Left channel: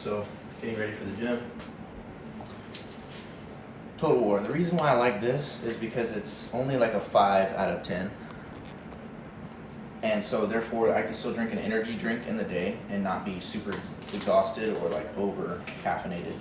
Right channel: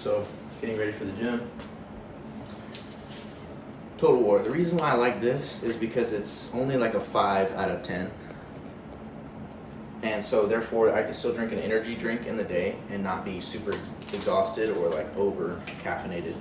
So, getting ready for the gym. Total War. The reason why I like this is because it's only like a 5 out of 10. And so therefore I can still drink an energy drink in the day and not be super exhausted or like over caffeinated.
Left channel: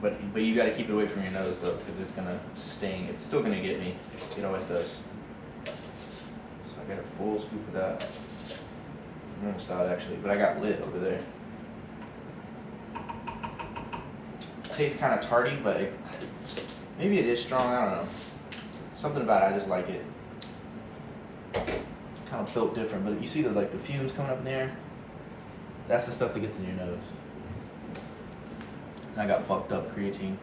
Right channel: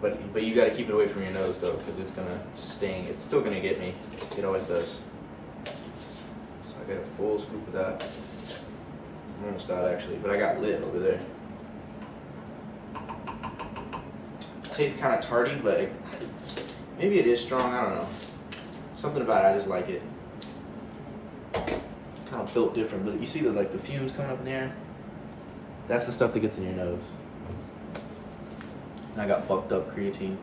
But you got to keep it away from your nose though, because it's gonna sting. It's still gonna get me. It always does. So I got a full scoop of that. I'm almost out actually, but I got lit over there. It tastes kind of tarty, but maybe it is strong. I don't know. Something about it, I just like it. Kind of built different, but you see the the fumes coming up in the air? That's the stuff that gets in your nose. And I got bucked up creatine.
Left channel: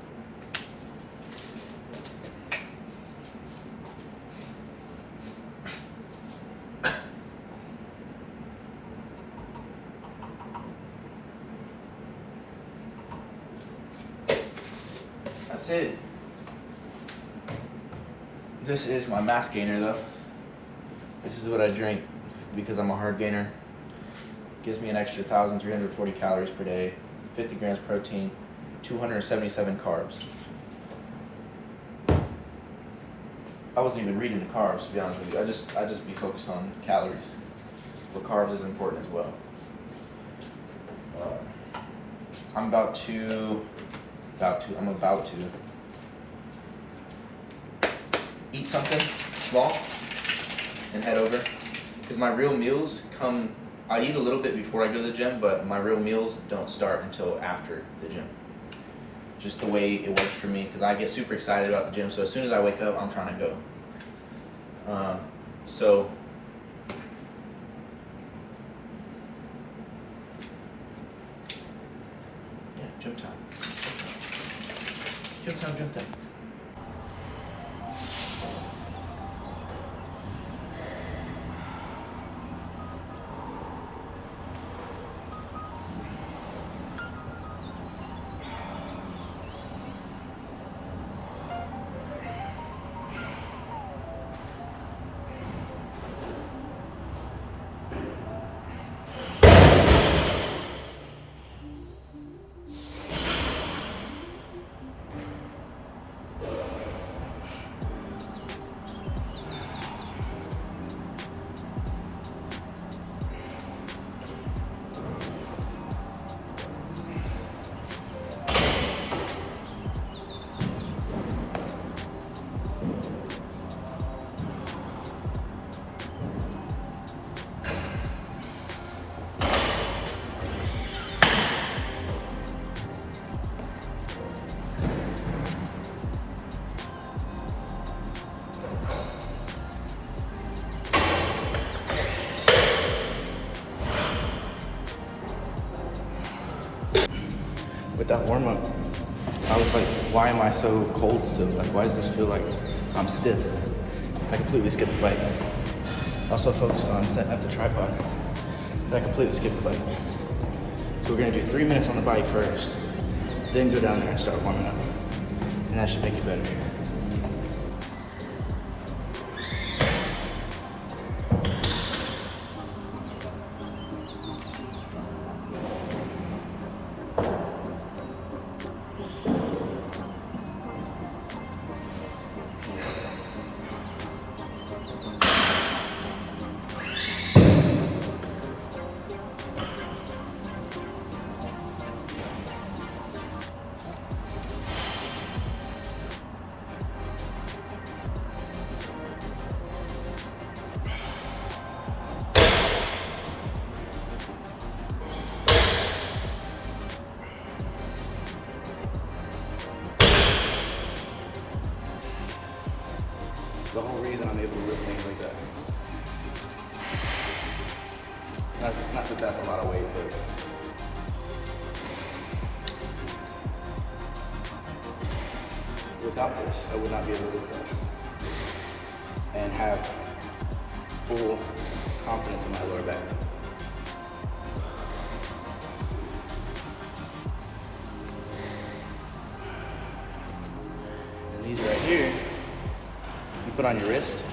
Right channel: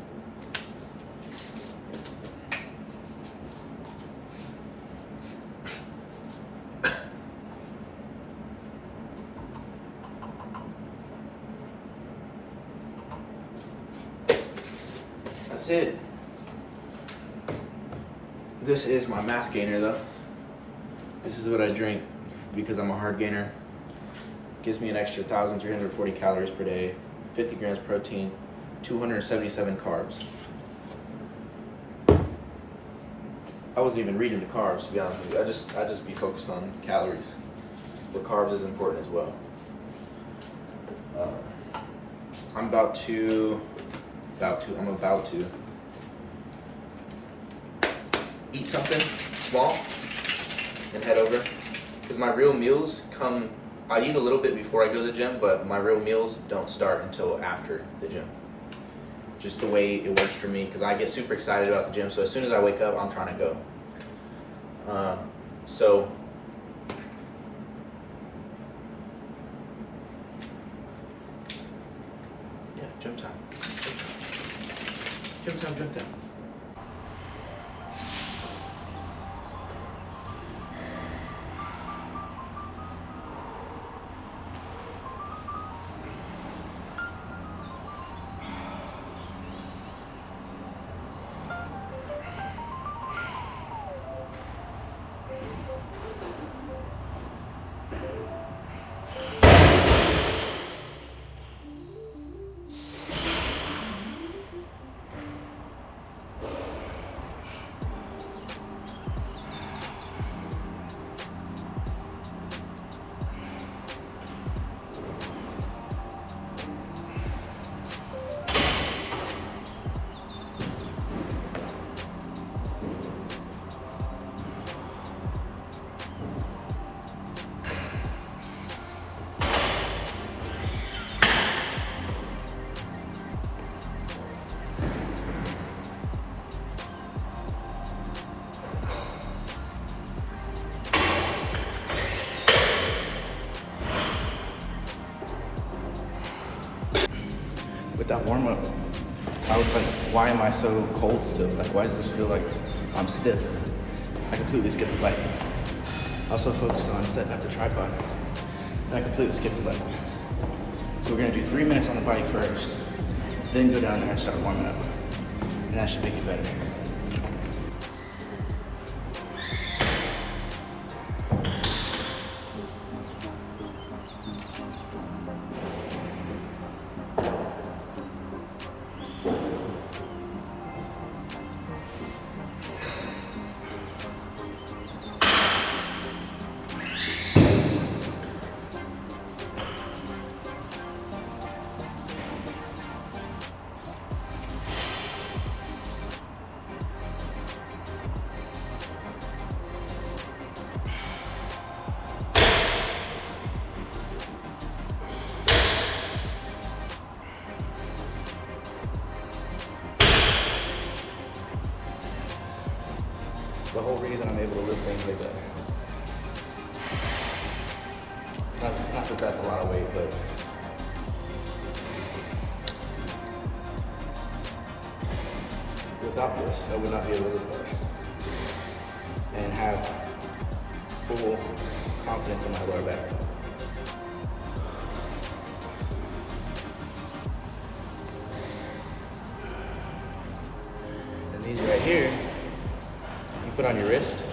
That's it. This is my mass gainer though. This is what I drink because I'm a hard gainer. Gives me an extra 1,340 calories per day, 50 grams protein, 277 carbs. I wasn't even reading the carbs, to be honest with you. I just be focused on calories. But carbs is important as well. I'm about to eat something small and head over, because my real meals come, I eat a little bit before I go to the gym, but my real meals don't start until after the gym. Just the way it works for me, because I get super excited about the gym, so as soon as I wake up, I'm trying to go. So yeah, gym time. Gym time, gym time. With that warm up, I was like, why am I so cold still? Like, why does this feel like I'm stiff? I completely skipped the bike. Also focused on setting up the tripod, and I completely skipped the bike. So we're gonna do 3 minutes on the bike first, then go down there and start warming up. And that should make it better. The whole reason I'm able to lift things like that. Not that that's a lot of weight, but without this, I would not be able to lift that and have full confidence in my lower back. And these right here, you put on your wrist,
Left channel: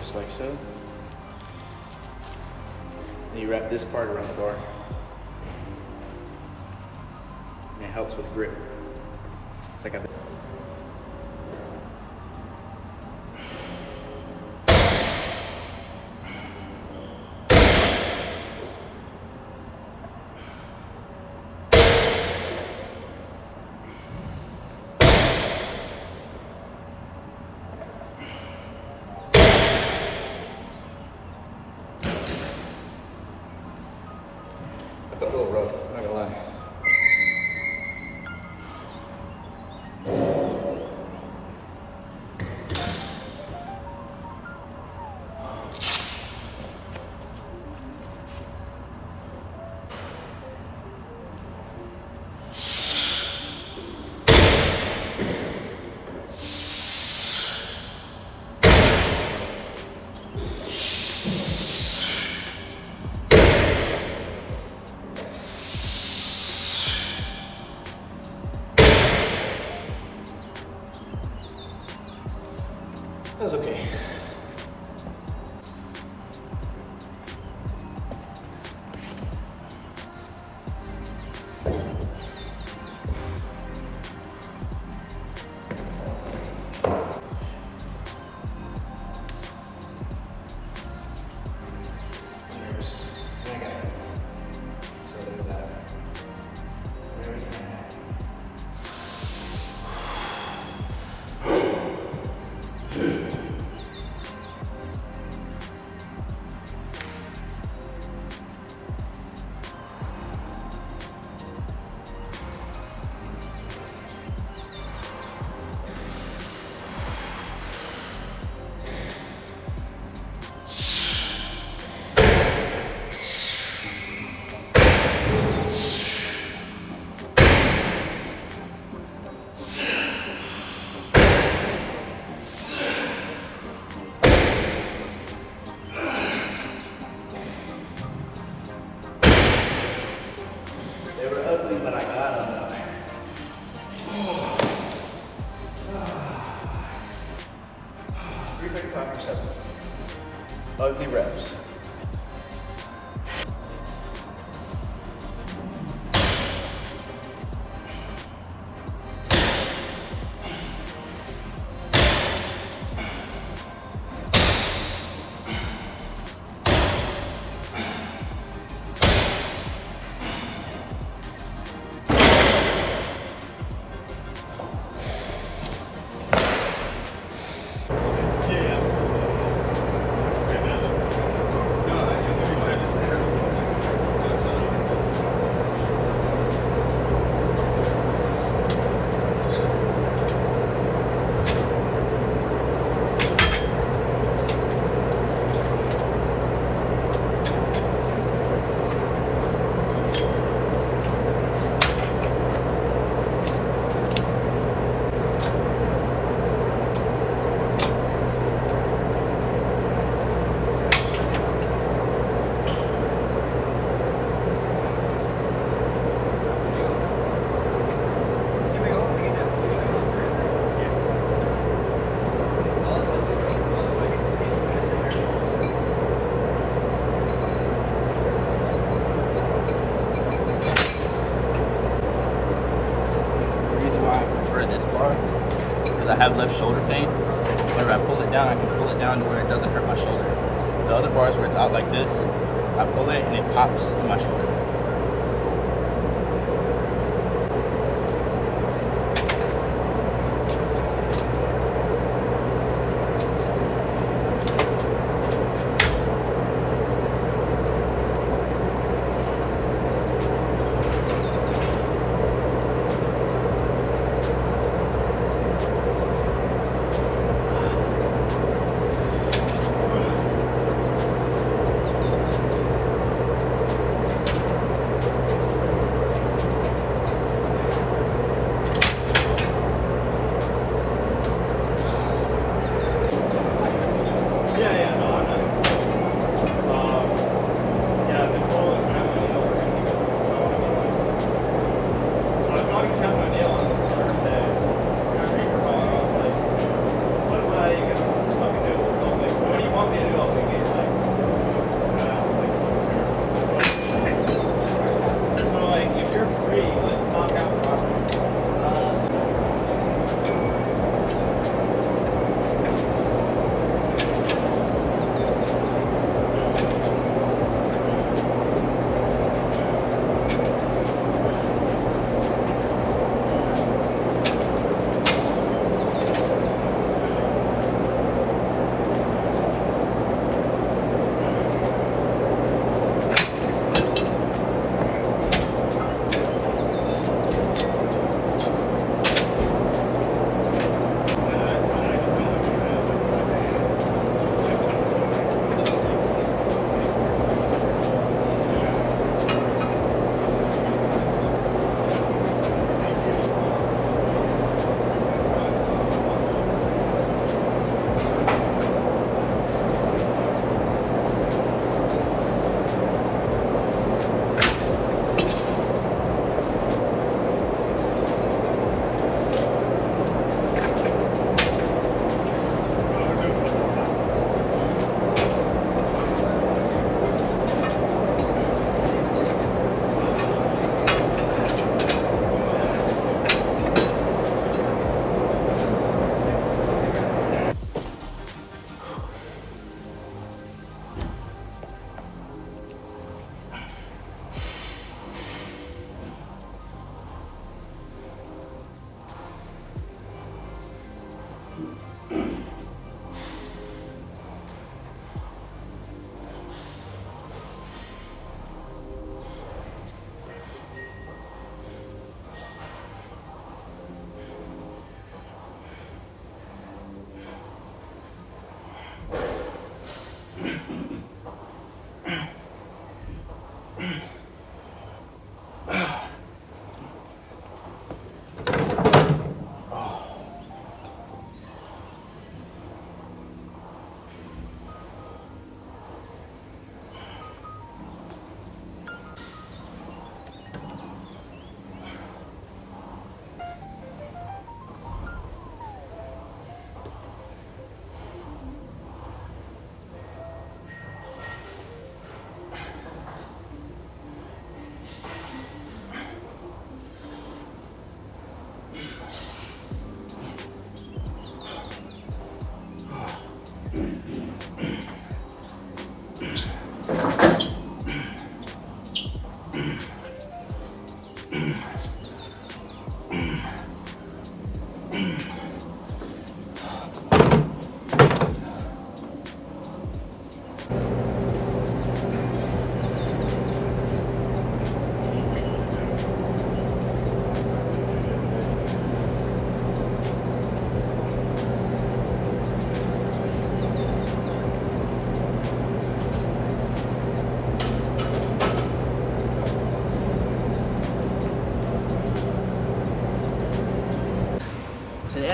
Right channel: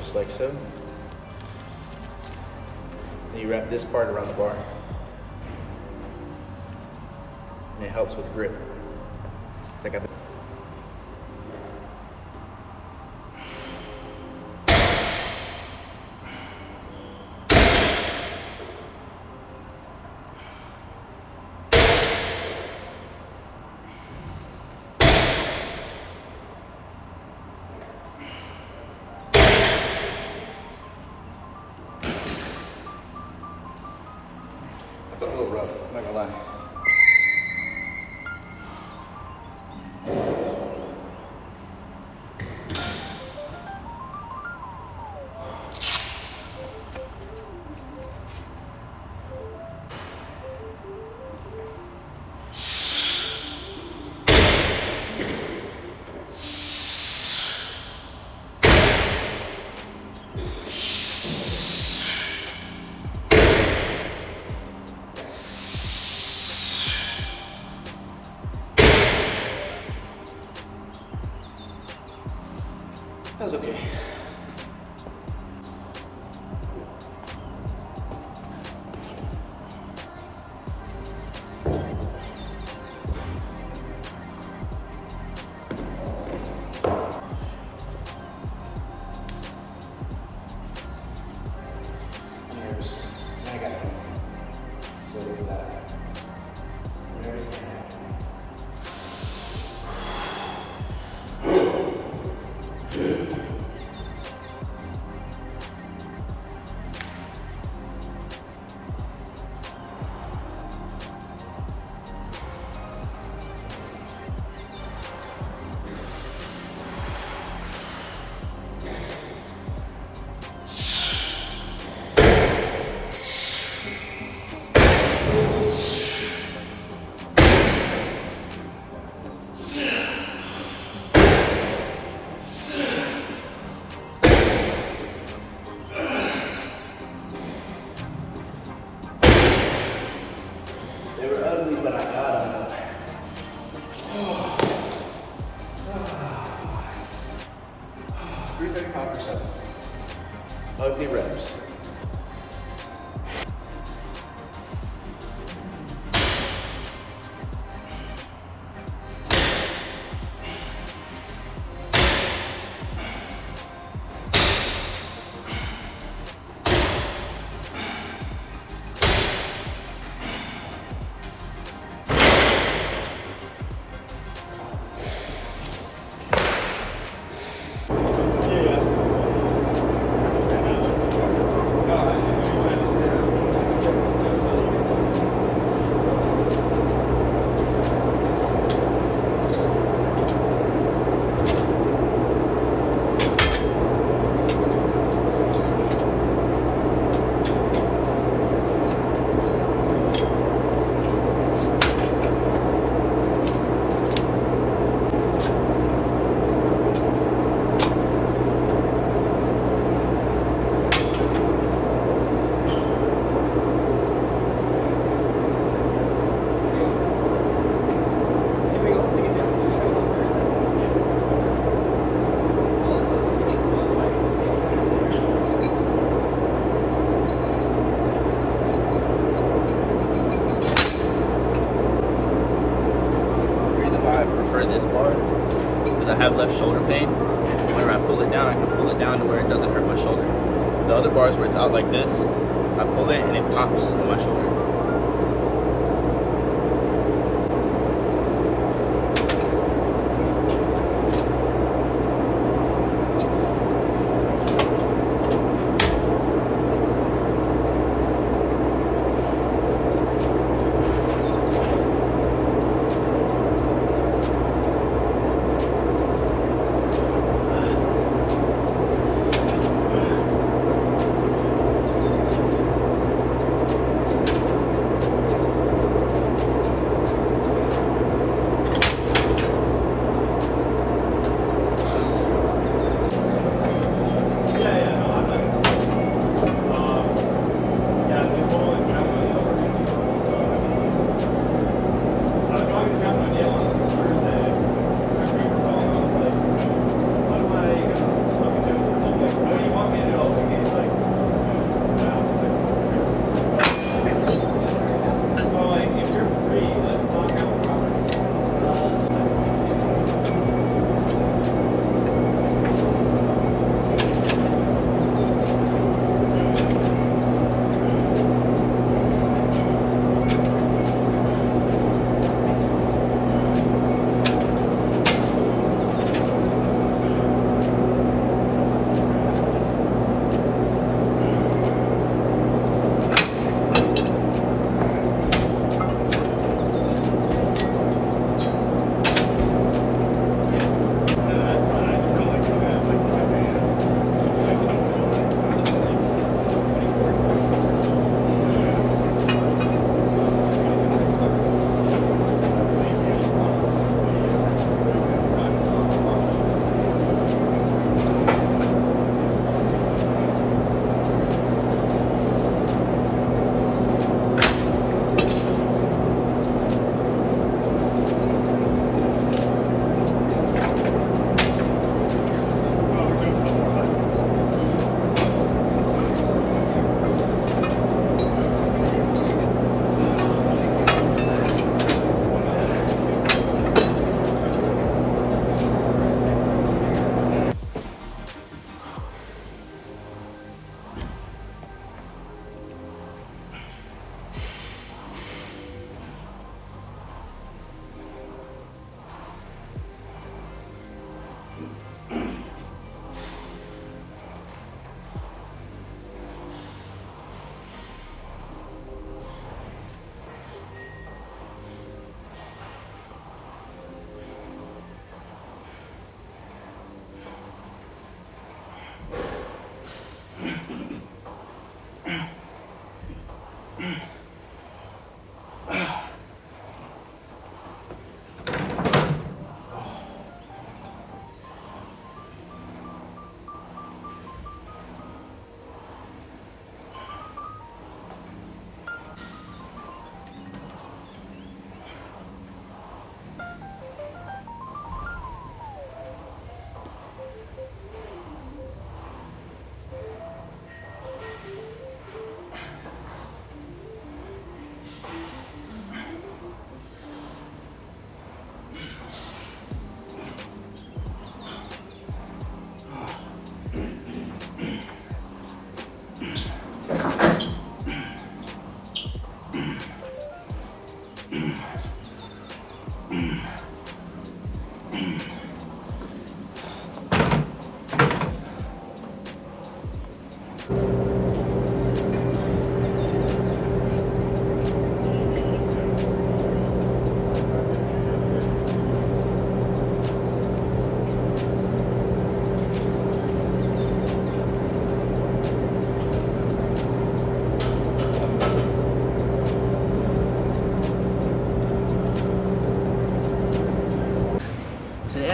just like so. And you wrap this part around the bar. And it helps with grip. It's like a I felt a little rough, I'm not gonna lie. That was okay. Nervous. I got it. So look at that. Nervous and happy. They were ugly when I got them. 335 for 7. Ugly reps. This bar because I have left shoulder pain. Whenever I pull it down, I can pull it down to where it doesn't hurt my shoulder. The other bars where it's out like this, I pull it and it pops in my shoulder.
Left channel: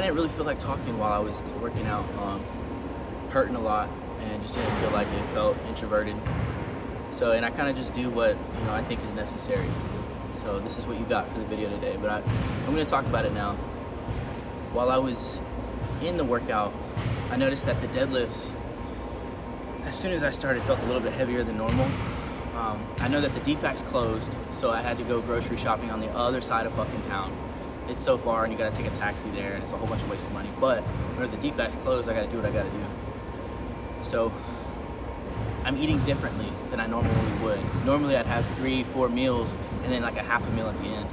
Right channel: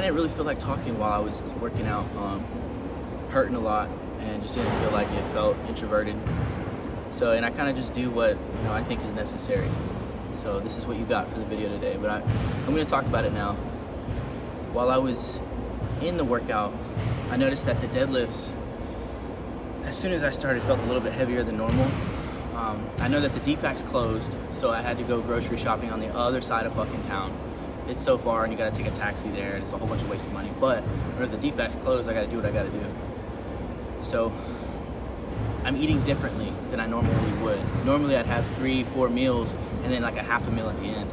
didn't really feel like talking while I was working out, hurting a lot, and just didn't feel like it, felt introverted. So, and I kind of just do what, I think is necessary. So this is what you got for the video today, but I'm gonna talk about it now. While I was in the workout, I noticed that the deadlifts, as soon as I started, felt a little bit heavier than normal. I know that the DFAC's closed, so I had to go grocery shopping on the other side of fucking town. It's so far, and you gotta take a taxi there, and it's a whole bunch of wasted money. But whenever the DFAC's closed, I gotta do what I gotta do. So I'm eating differently than I normally would. Normally I'd have 3-4 meals and then like a half a meal at the end.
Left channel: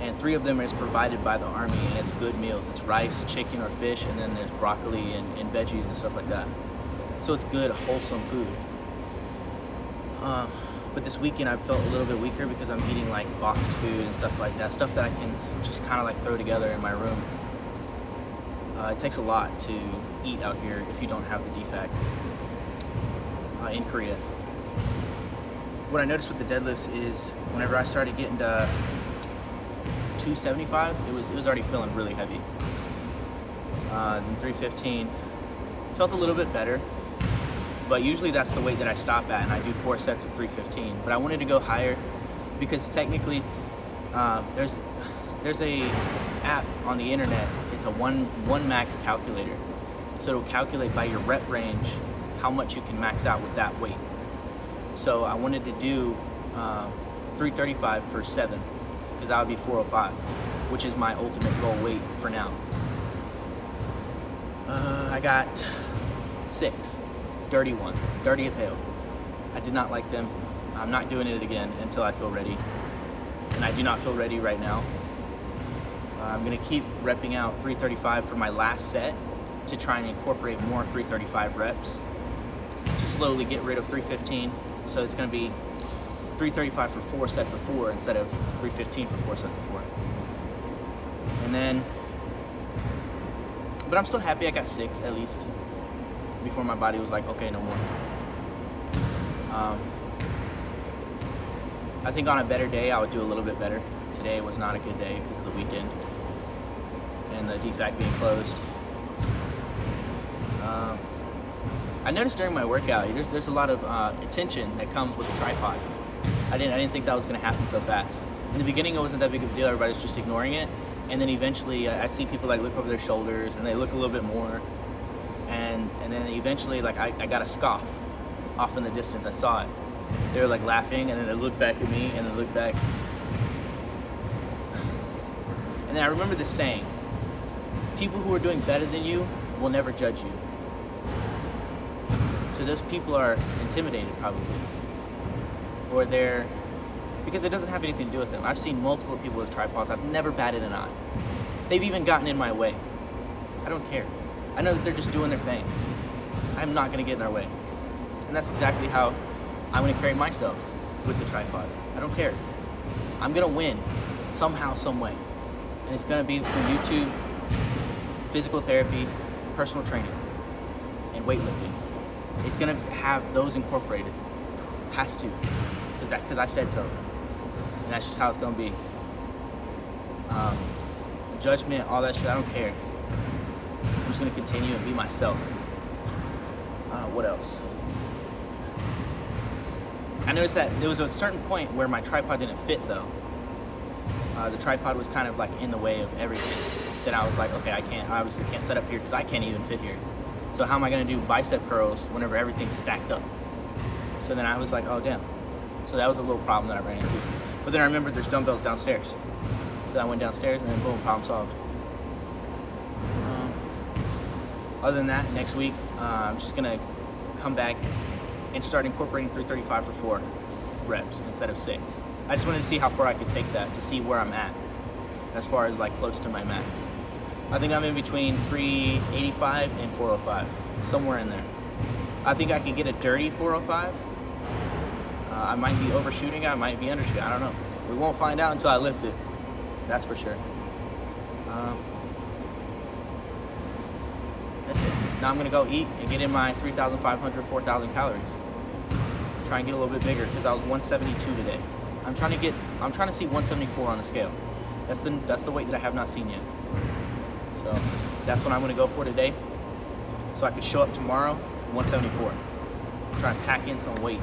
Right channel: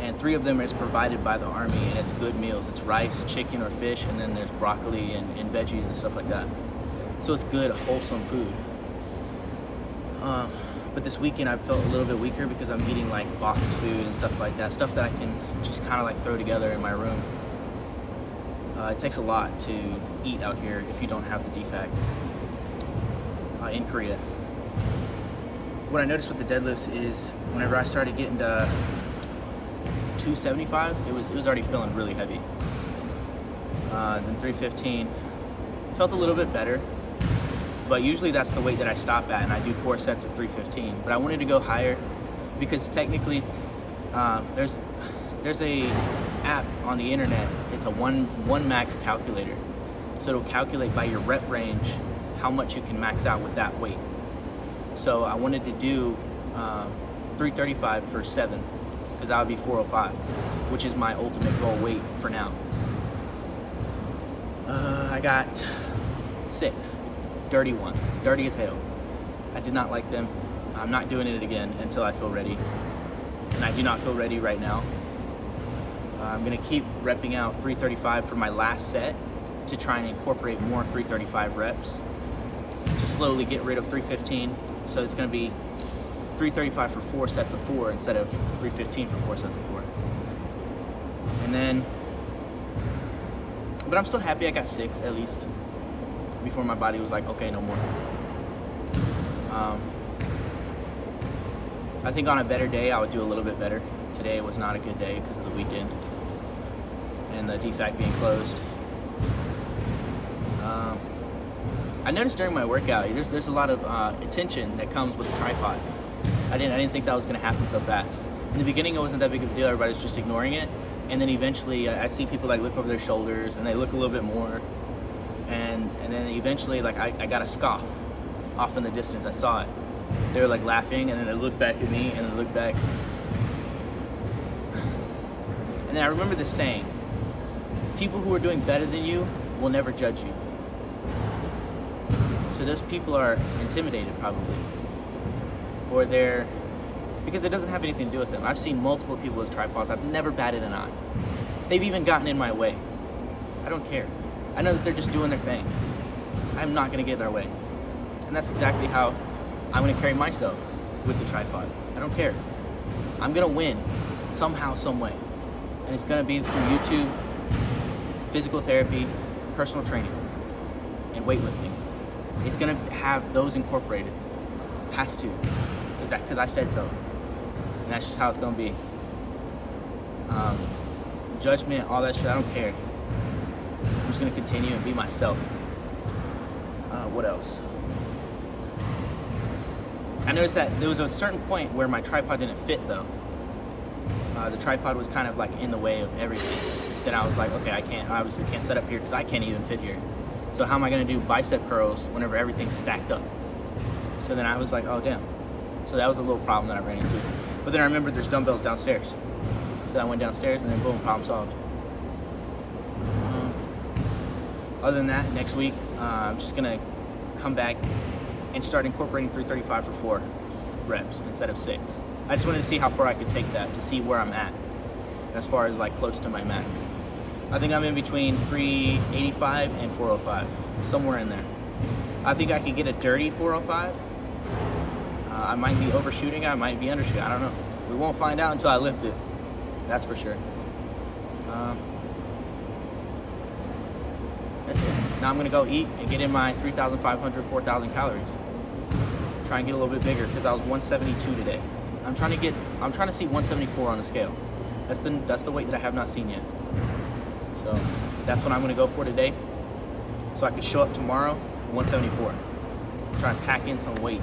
And 3 of them is provided by the Army, and it's good meals. It's rice, chicken, or fish, and then there's broccoli and veggies and stuff like that. So it's good, wholesome food. But this weekend I felt a little bit weaker because I'm eating like boxed food and stuff like that. Stuff that I can just kind of like throw together in my room. It takes a lot to eat out here if you don't have the DFAC in Korea. What I noticed with the deadlifts is whenever I started getting to 275, it was already feeling really heavy. Then 315 felt a little bit better, but usually that's the weight that I stop at, and I do 4 sets of 315. But I wanted to go higher because technically there's a app on the internet. It's a one max calculator, so it'll calculate by your rep range how much you can max out with that weight. So I wanted to do 335 for 7, because that would be 405, which is my ultimate goal weight for now. I got 6 dirty ones, dirty as hell. I did not like them. I'm not doing it again until I feel ready, and I do not feel ready right now. I'm gonna keep repping out 335 for my last set to try and incorporate more 335 reps to slowly get rid of 315. So it's gonna be 335 for 4 sets of 4 instead of 315 for 4 sets of 4. And then, but I'm still happy I got 6 at least before my body was like, okay, no more. I think on a better day I would do a little bit better. Today was not a good day because of the weekend and the DFAC being closed. I noticed during my workout, there's a lot of attention that comes with a tripod. I didn't think that was gonna happen so fast. In the beginning, it wasn't that big of a deal. Everybody's just ignoring it, and then eventually, I see people like look over their shoulders, and they look a little bit more, and then eventually, like I got a scoff off in the distance. I saw it. They were like laughing, and then they looked back at me, and then looked back, and then I remember this saying: "People who are doing better than you will never judge you." So those people are intimidated probably, or they're, because it doesn't have anything to do with them. I've seen multiple people with tripods. I've never batted an eye. They've even gotten in my way. I don't care. I know that they're just doing their thing. I'm not gonna get in their way. And that's exactly how I'm gonna carry myself with the tripod. I don't care. I'm gonna win somehow, some way. And it's gonna be through YouTube, physical therapy, personal training, and weightlifting. It's gonna have those incorporated. Has to, because I said so. And that's just how it's gonna be. Judgment, all that shit, I don't care. I'm just gonna continue and be myself. What else? I noticed that there was a certain point where my tripod didn't fit though. The tripod was kind of like in the way of everything. Then I was like, okay, I obviously can't set up here because I can't even fit here. So how am I gonna do bicep curls whenever everything's stacked up? So then I was like, oh damn. So that was a little problem that I ran into. But then I remembered there's dumbbells downstairs. So I went downstairs and then boom, problem solved. Other than that, next week, I'm just gonna come back and start incorporating 335 for 4 reps instead of 6. I just wanted to see how far I could take that to see where I'm at as far as like close to my max. I think I'm in between 385 and 405, somewhere in there. I think I could get a dirty 405. I might be overshooting, I might be undershooting, I don't know. We won't find out until I lift it, that's for sure. That's it. Now I'm gonna go eat and get in my 3,500, 4,000 calories. Try and get a little bit bigger because I was 172 today. I'm trying to see 174 on the scale. That's the weight that I have not seen yet. So That's what I'm gonna go for today, so I could show up tomorrow 174. Try and pack in some weight.